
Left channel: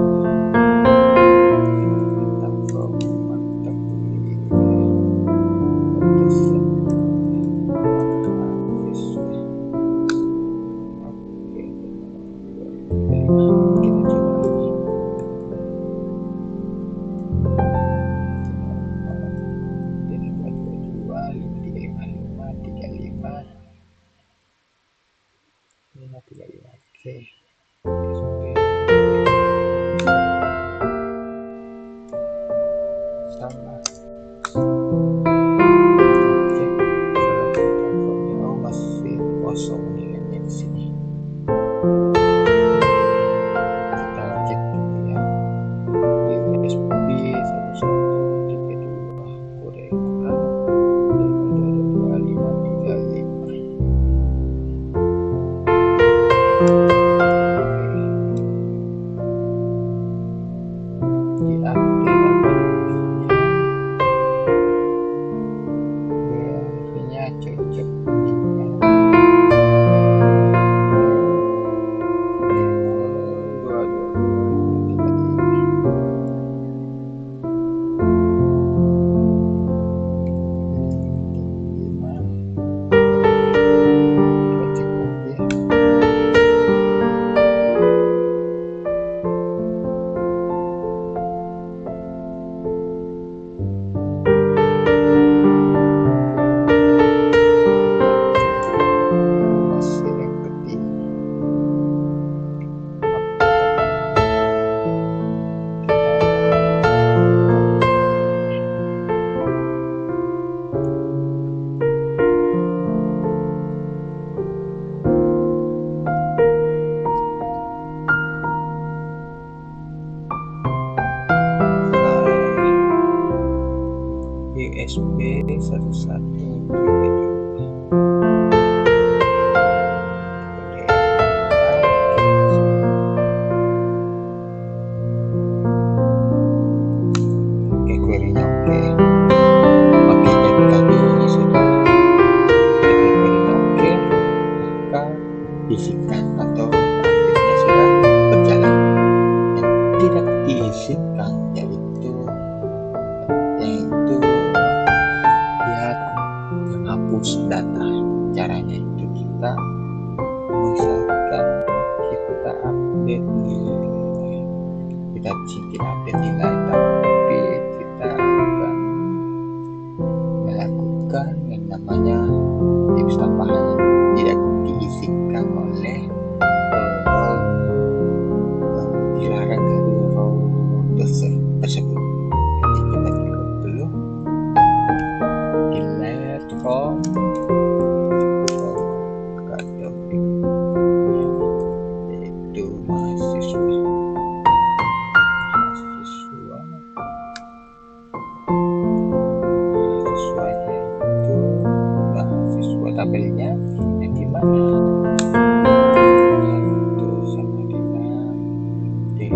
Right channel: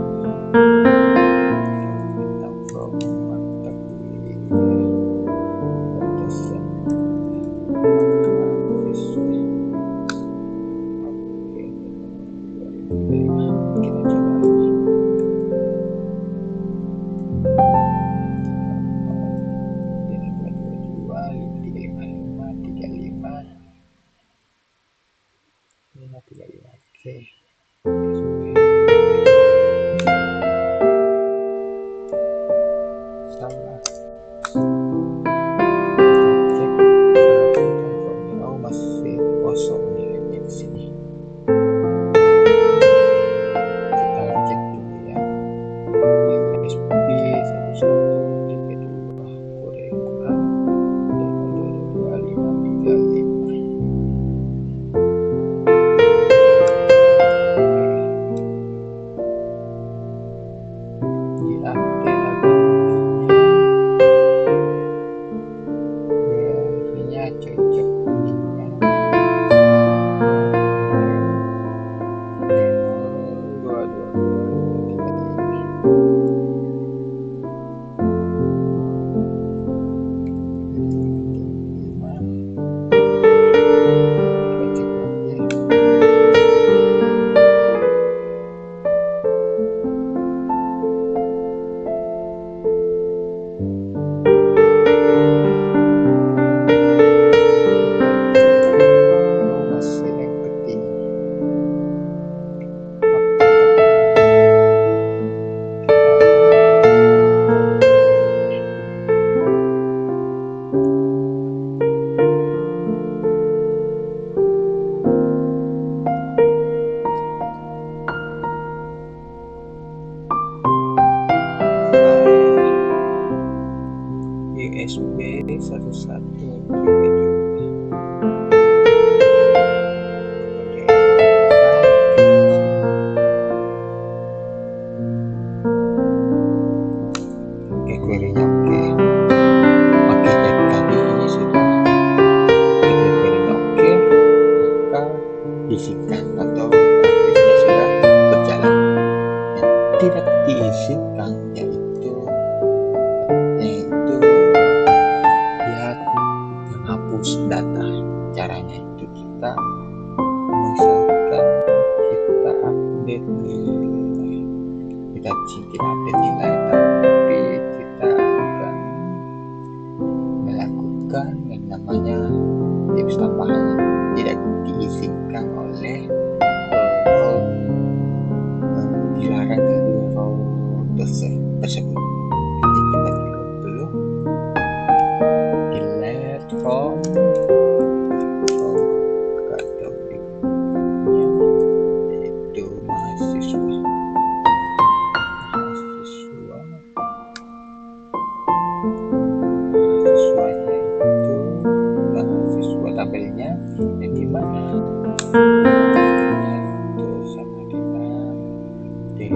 Tentang from mata kuliah. Oke. Salah. Cek oh, masih kosong nilainya di sini. Kita cek dulu ya. USB 1132 kode MK 2535. Cocok ininya kita cek lagi. USB 1132. Oke, query-nya oke. Oke, dari tadi ini sudah jadi query-nya oke, maka diizinkan atau aktifnya sudah berjalan. Yang tidak diizinkan yaitu dia menghapus data. Caranya itu kita misalkan kita update nilai, kita tidak update nilai, tapi kita akan melakukan yang namanya tips tambahan yang tidak diizinkan oleh dilarang dari role tersebut. Jadi kita klik dulu delete from mana itu sama dengan D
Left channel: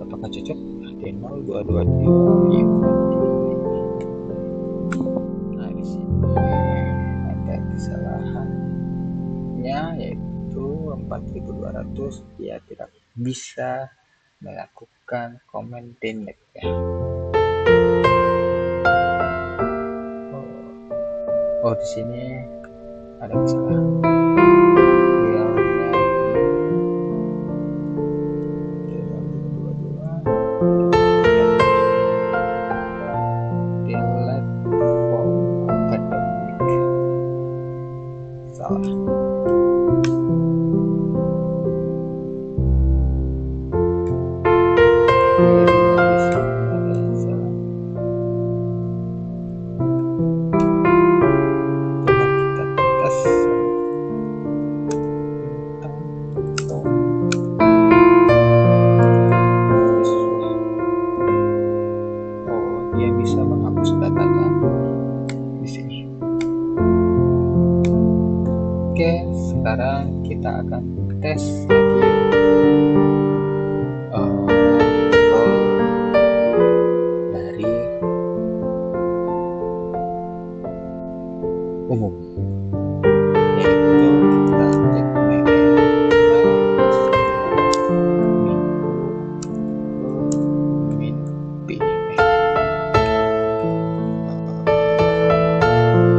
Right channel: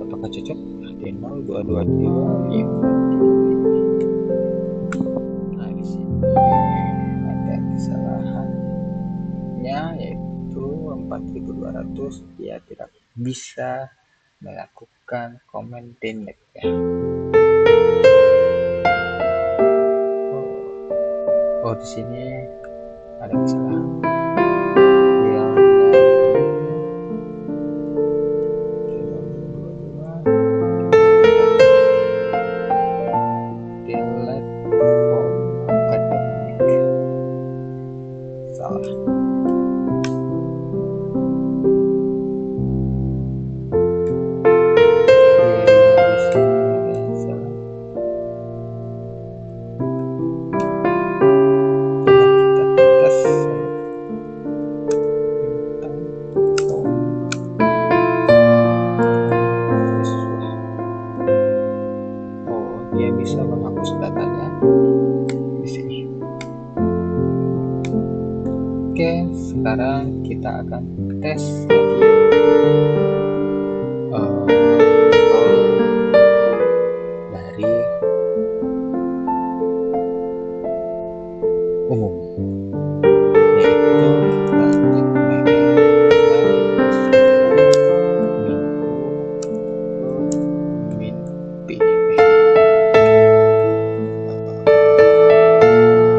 apakah cocok? D0222 nah di sini ada kesalahannya yaitu 4200 dia tidak bisa melakukan comment delete ya. Oh di sini ada kesalahan filenya di 0222 delete from academic salah. Dia bisa menghapus datanya di sini. Oke, sekarang kita akan tes lagi dari umum, yaitu kita cek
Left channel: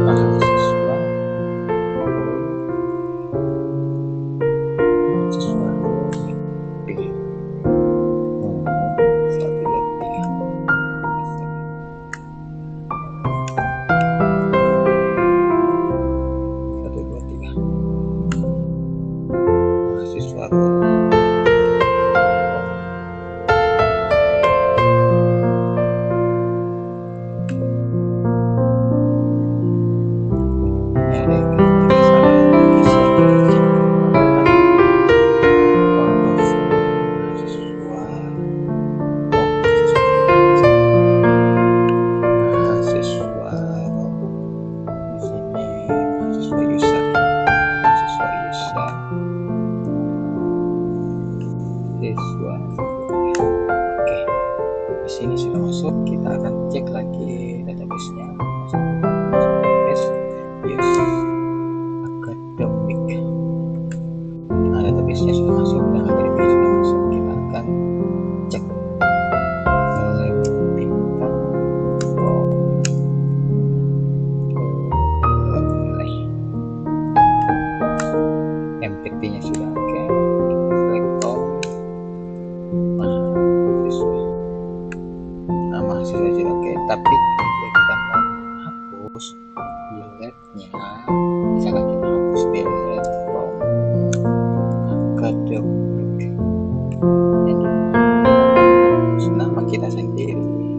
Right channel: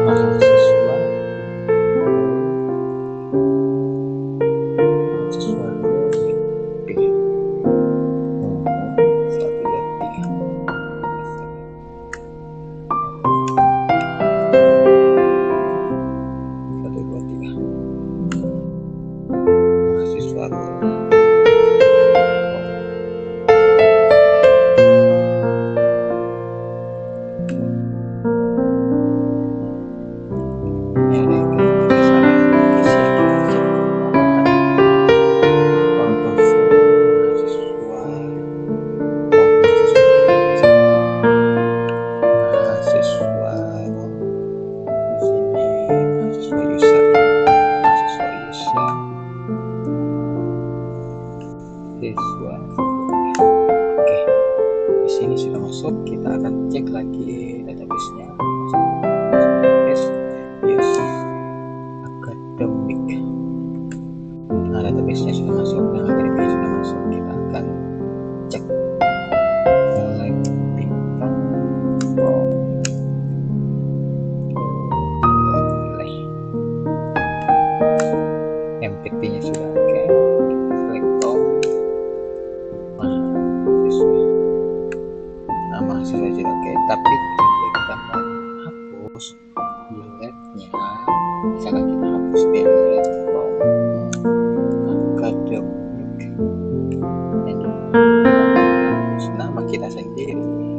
mahasiswa siswa. Oke, di sini sudah masuk. Kita akan cek lagi database-nya. Database yes academic. Nah, database-nya sudah masuk dan akademiknya sudah masuk. Kita akan cek select bintang from nilai. MPT-nya sudah oke. Select all mahasiswa sudah oke, tapi ketika kita mau hapus delete-nya, misalkan kita hapus delete from academic, jadi kita akan hapus nama kita sendiri,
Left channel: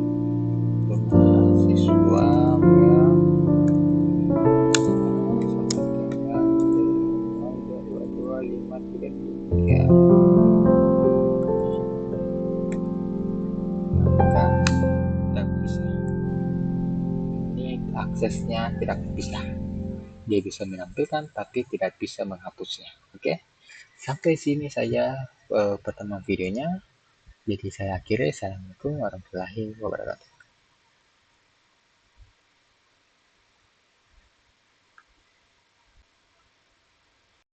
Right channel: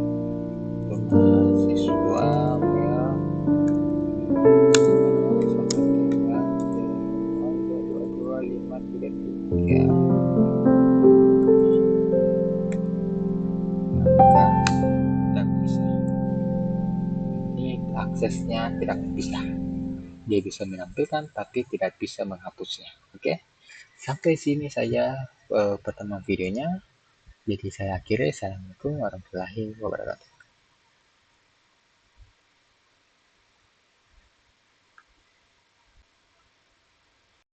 mahasiswa ya sama dengan 02225333 aksesnya tidak bisa. Dia bisa menampilkan tapi tidak bisa menghapusnya. Oke. Sampai sini saya pertemuan videonya. Jadi saya akhiri. Assalamualaikum warahmatullahi wabarakatuh.